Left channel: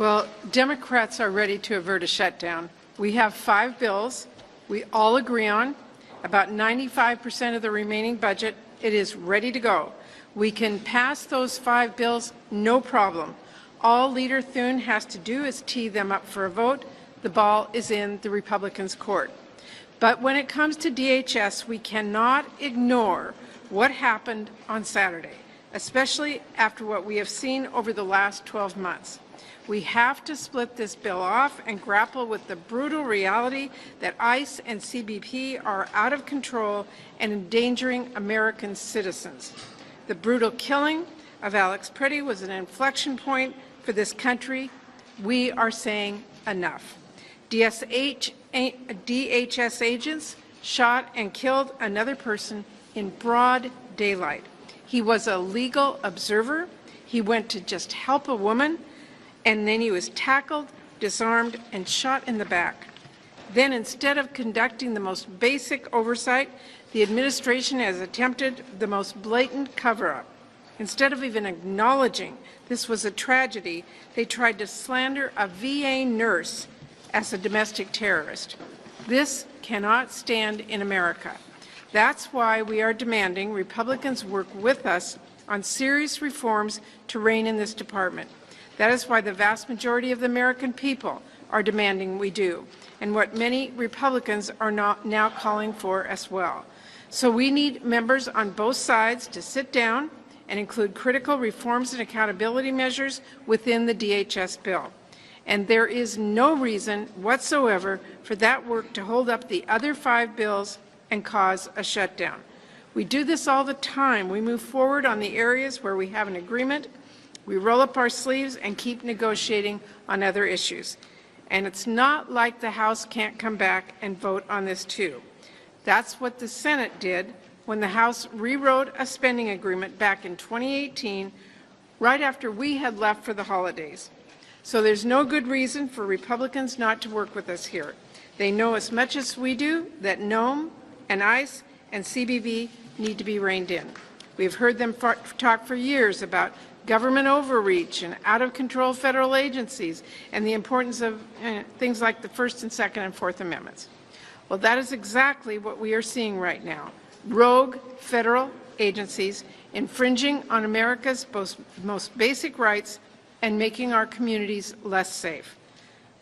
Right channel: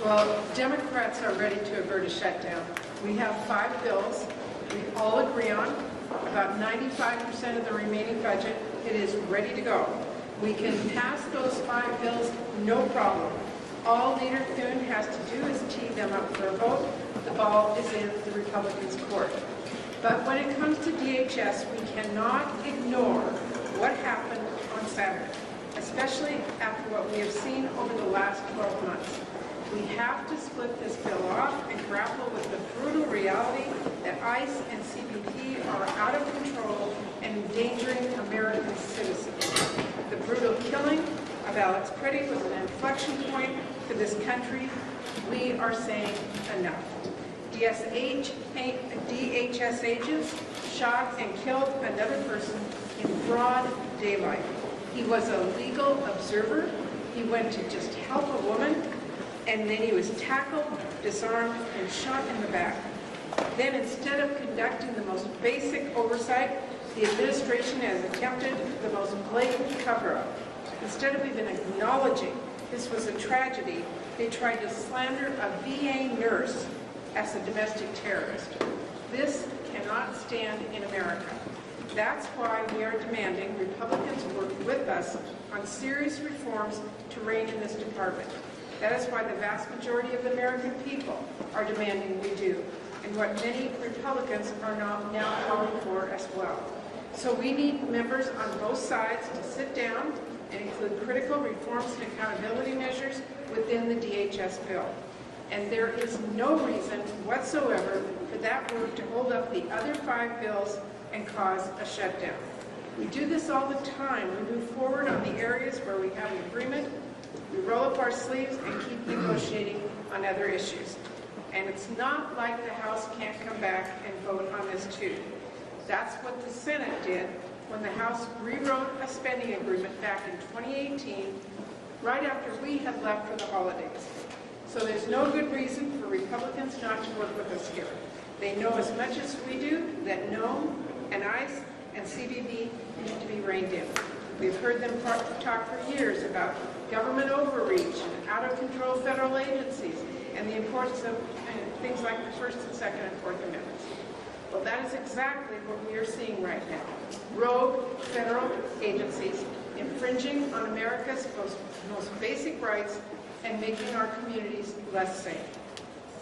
Well, Democrats are ready to avert a shutdown. We have 5 bills we all agree on, about 95% of the remaining budget. It is ready to go. We can pass those 5 bills, no problem. All Leader Thune has to do is tee them up for a vote. The ball is in the Republicans' court. But when it comes to DHS, we cannot ignore what happened on Saturday, especially after what we have seen over the last 12 months. We have to split this bill off and grapple with the brutal reality that ICE and CBP are out of control and endangering American citizens. The brutal killing of Alex Pretti was an inflection point for this country. We are saying enough. DHS agents shot and killed another person in broad daylight. He was a legal observer. He went to just help a woman, and then he was tackled, disarmed, and shot in the back. Then, instead of conducting the most basic oversight, the administration has attempted the most blatant cover-up. Instead of even acknowledging this was a tragedy, they tried to slander a VA nurse as a domestic terrorist. This cannot stand in America. That's why we are demanding Republicans work with us on serious reforms to rein in this department. That is why the vast majority of the American people are demanding we do, and what many Republicans are now calling for as well. So we need members on both sides to sit down and include critical reforms and accountability measures within the DHS bill. And there is no reason whatsoever for that work to hold up the other 5 bills and cause a shutdown. We do this all the time. We move forward on the areas where we have an agreement. We roll up our sleeves and keep negotiating on other issues. And it's not like the House can't come back and vote on this too. That's what the Senate did when the House rewrote a spending agreement back in 2018, right after we had left for the holidays. So there's no good reason for Republicans not to work with us here. They know as much as we do that NOM and ICE and CBP need to be reined in. We've heard them talk for years about government overreach and out-of-control federal agencies and the importance of things like the First and Second and Fourth Amendments. Well, that is exactly what we are seeing right now. Rogue federal agencies infringing on America's most basic rights and making our communities less safe.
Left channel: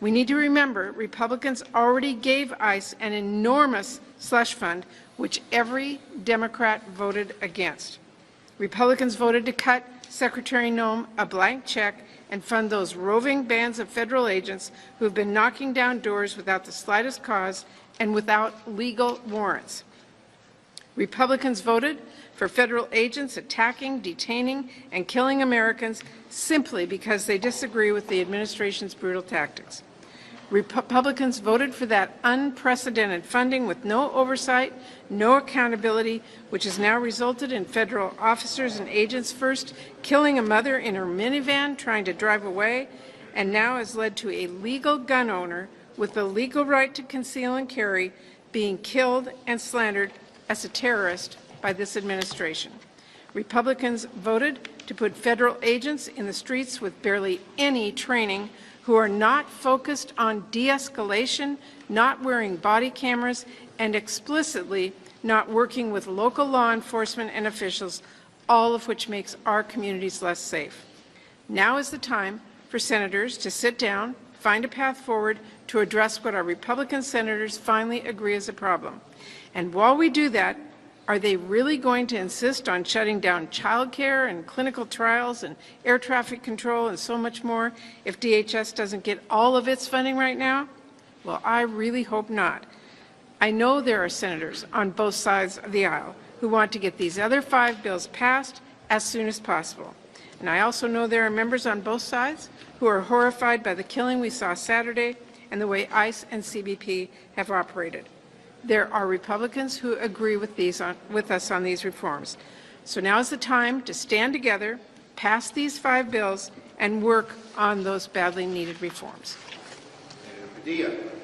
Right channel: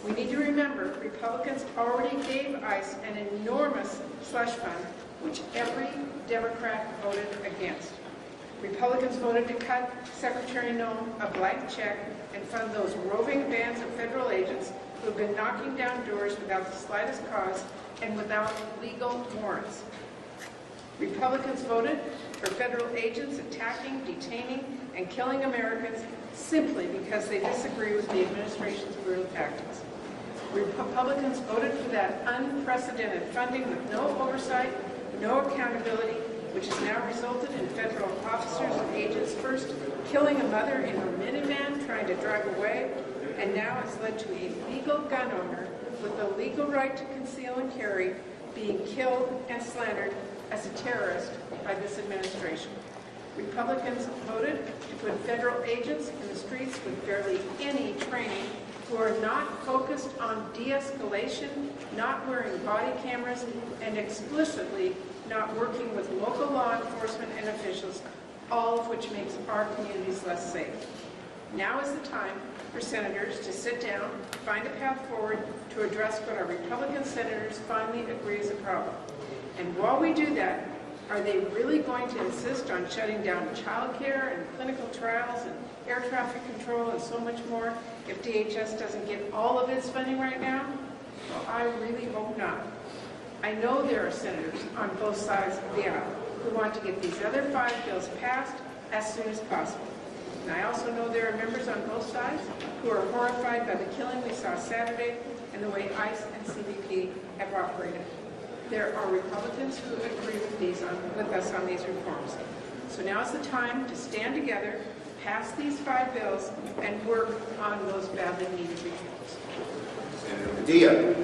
We need to remember Republicans already gave ICE an enormous slush fund, which every Democrat voted against. Republicans voted to cut Secretary Noem a blank check and fund those roving bands of federal agents who have been knocking down doors without the slightest cause and without legal warrants. Republicans voted for federal agents attacking, detaining, and killing Americans simply because they disagree with the administration's brutal tactics. Republicans voted for that unprecedented funding with no oversight, no accountability, which has now resulted in federal officers and agents first killing a mother in her minivan trying to drive away, and now has led to a legal gun owner with the legal right to conceal and carry being killed and slandered as a terrorist by this administration. Republicans voted to put federal agents in the streets with barely any training, who are not focused on de-escalation, not wearing body cameras, and explicitly not working with local law enforcement and officials, all of which makes our communities less safe. Now is the time for senators to sit down, find a path forward to address what our Republican senators finally agree is a problem. And while we do that, are they really going to insist on shutting down childcare and clinical trials and air traffic control and so much more if DHS doesn't get all of its funding right now? Well, I really hope not. I know there are senators on both sides of the aisle who want to get these other 5 bills passed as soon as possible. And I also know there are members on both sides who are horrified by the killing we saw Saturday and the way ICE and CBP have operated. There are Republicans who agree with us on these reforms. So now is the time to stand together, pass these 5 bills, and work on those badly needed reforms. Senator Padilla.